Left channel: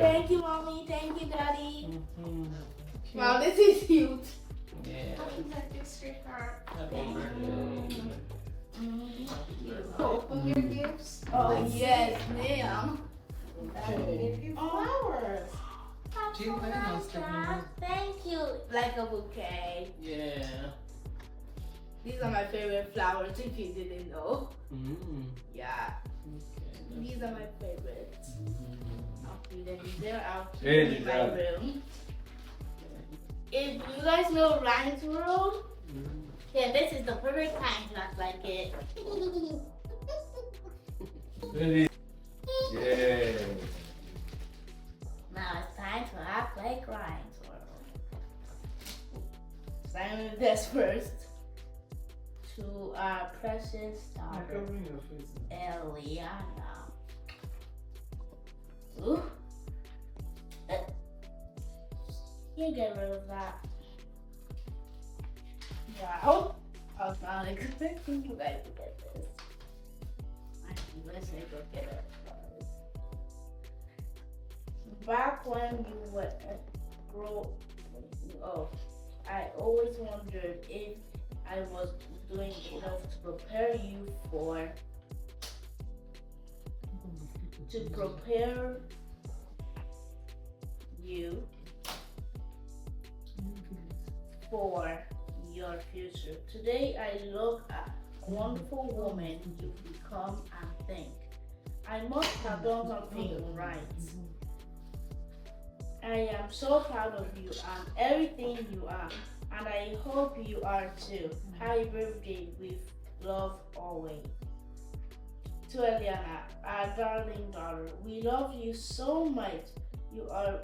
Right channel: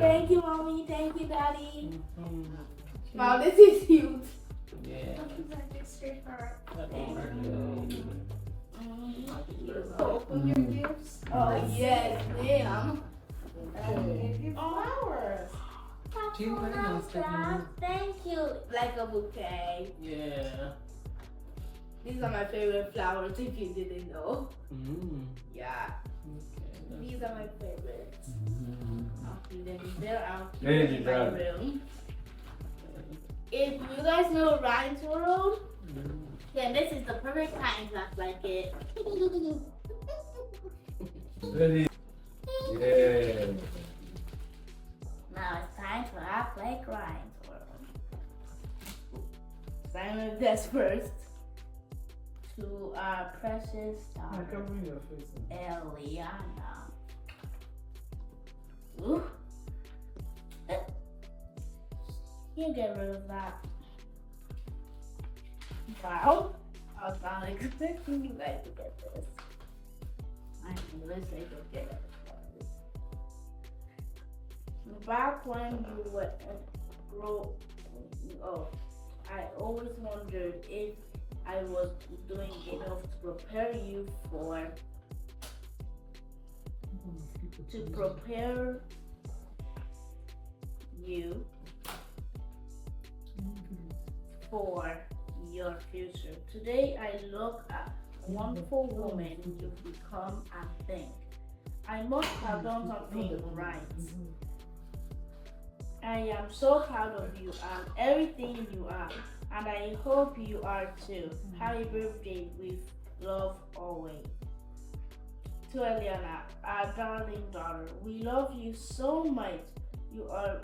Thank you, mommy. Thank you, daddy. Wow, this is huge. Yeah. Open your gifts. Oh yes, ma'am. Flowers. Thank you. Like a bouquet. Yeah. These are my favorite flowers. If you didn't know. Yeah. Okay. These are my favorites. I'll keep them there. I'll keep There them you in my go. room. If you guys know Ryan's World, then this is the perfect time to act like it. Ready? Yeah. Now it's time to act like Ryan's World. Simon this first to our precious daughter, Eliana. Ooh. You get rid of that. Wow. I was not expecting you guys to get this. I mean, let's take a look at it. Back when you were I always wondered if I was doing enough to prepare you for your future. Today I look at a wonderful woman you've become and think, I must have done something right. I am so proud of you and everything you are, and I hope you are too. Happy birthday with love always. To Eliana, our darling daughter, we love you so much. You are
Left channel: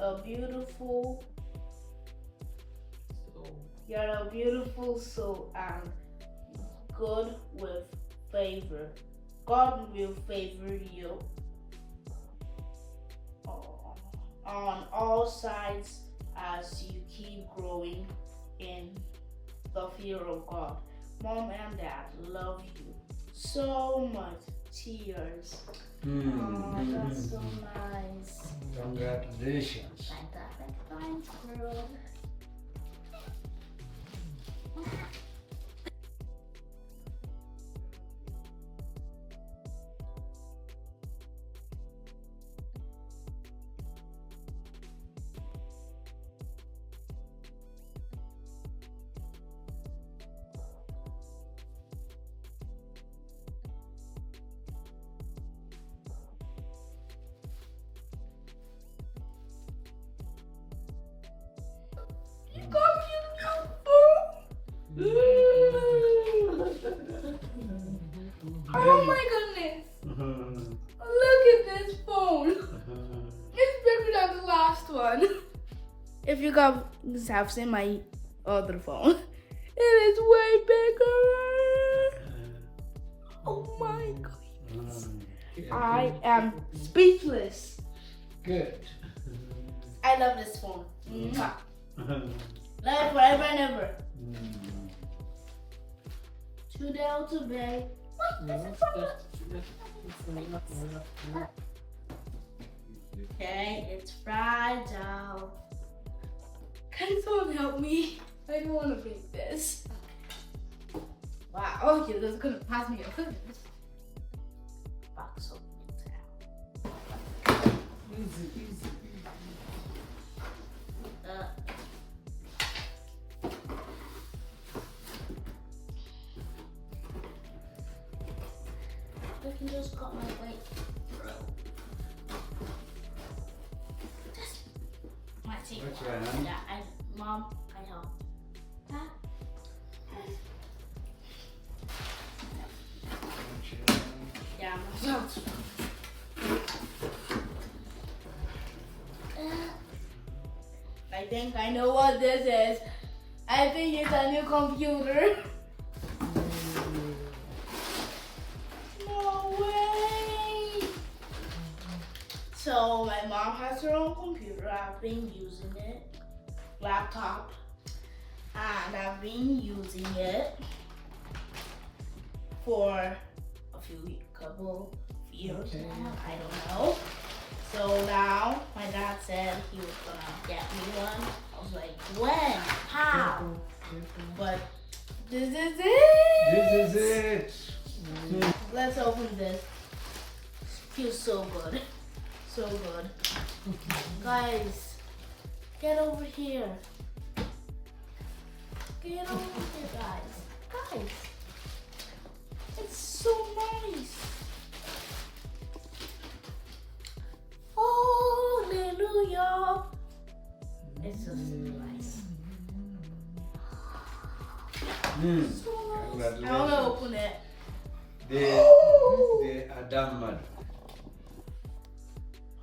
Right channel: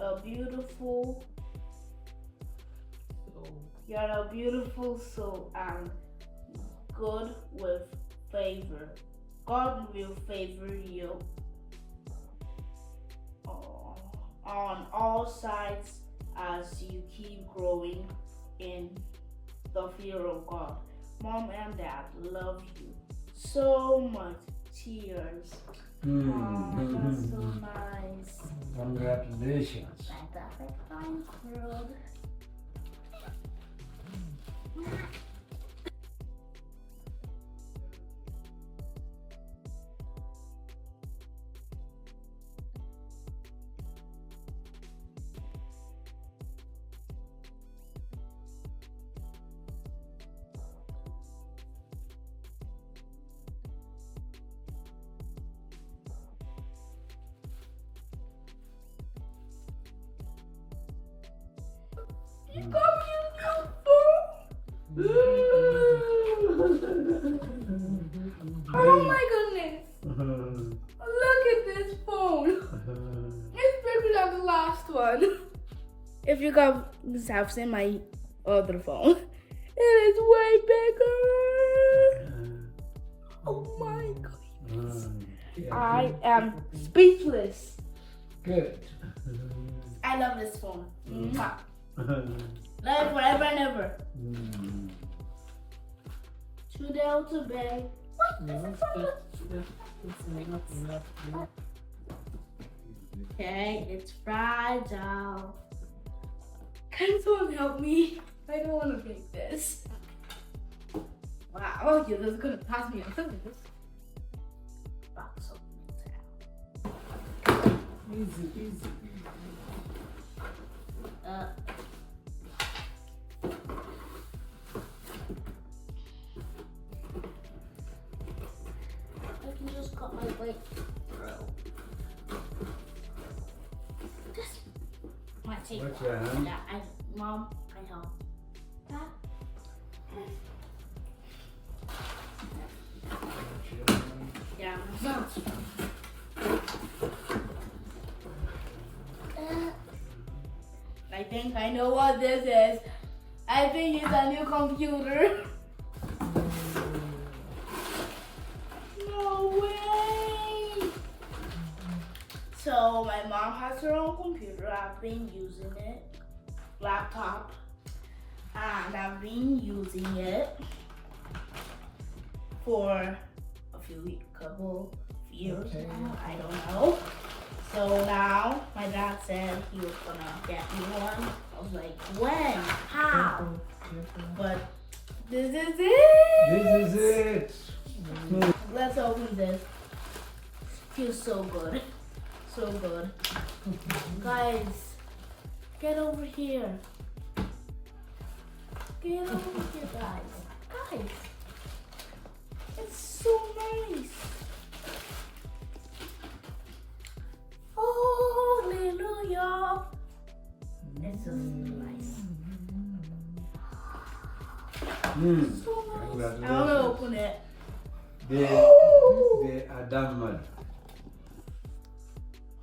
a beautiful soul and good with favor. God will favor you on all sides as you keep growing in the fear of God. Mom and Dad love you so much. Cheers. Oh, that's so nice. Congratulations. Fantastic Science World. You got me a new phone. Oh my goodness. Look at this phone. It's bigger than the last one. If you guys have seen my other phone, it is way bigger. Oh my goodness. I am speechless. Good. I love this phone. Mwah. Love it forever and ever. Today to bed. Okay, it's fragile. Can someone help me? I don't want to break this. Wow, okay, this is gonna pass me. Look at this box opening. Easy. I can just cut my way through. Might take What's a while. that, huh? Yeah, Mom, I help. Huh? Yeah, I think I know what this is. I think it's a new computer. No way! So my mom has her own computer. I've been using it. Laptop. and I've been using it for a couple years Okay. now. I don't know. So now my dad said he was gonna get me one. I was like, when? How? Careful, careful. But this is it. This is it. Let's open this. Feels so good. So good. Guys, get over here. Get over here, guys. Guys, it's so nice. Hallelujah. It's so nice. So nice. I want to open it. The Adam man.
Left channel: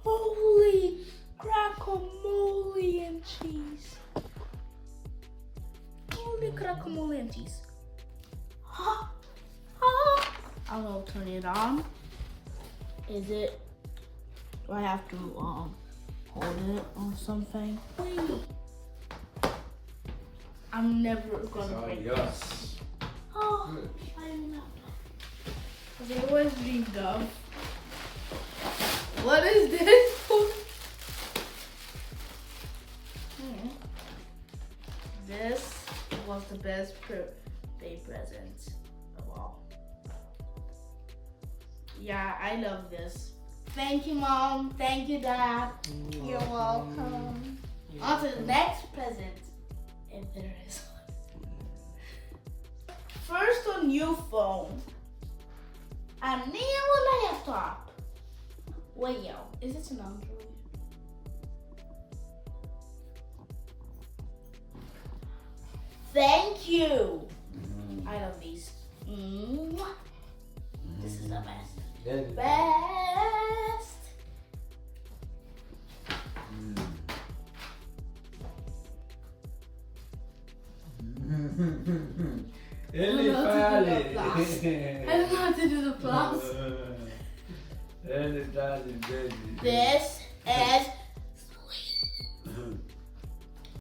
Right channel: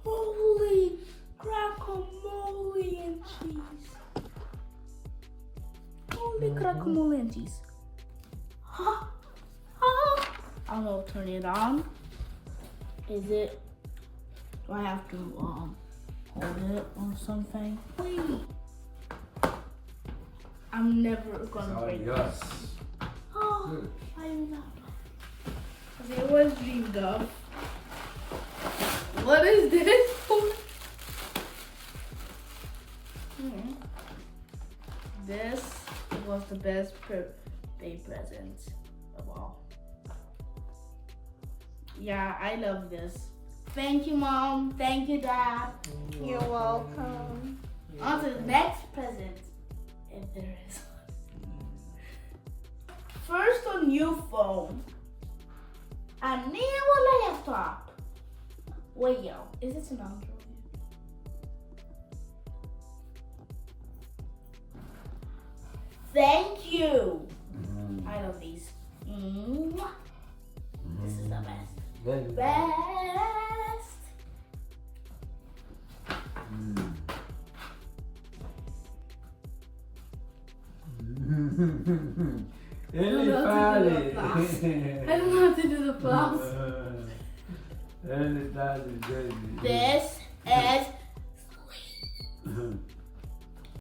Holy guacamole and cheese. Holy guacamole and cheese. Ha! Ha! I don't know, turn it on. Is it? Do I have to hold it or something? Wait. I'm never gonna break it. Yes. Oh, Good. I don't know. Okay, where's Dream go? What is this for? This was the best birthday present of all. Yeah, I love this. Thank you, Mom. Thank you, Dad. You're welcome. On to the next present, if there is one. First, a new phone. A new laptop. Wait, yo, is this an Android? Thank you. I love these. Mwah. This is the best. Very good. Best. Ele não fale. I don't know how to do the applause. Ele tá dizendo. This is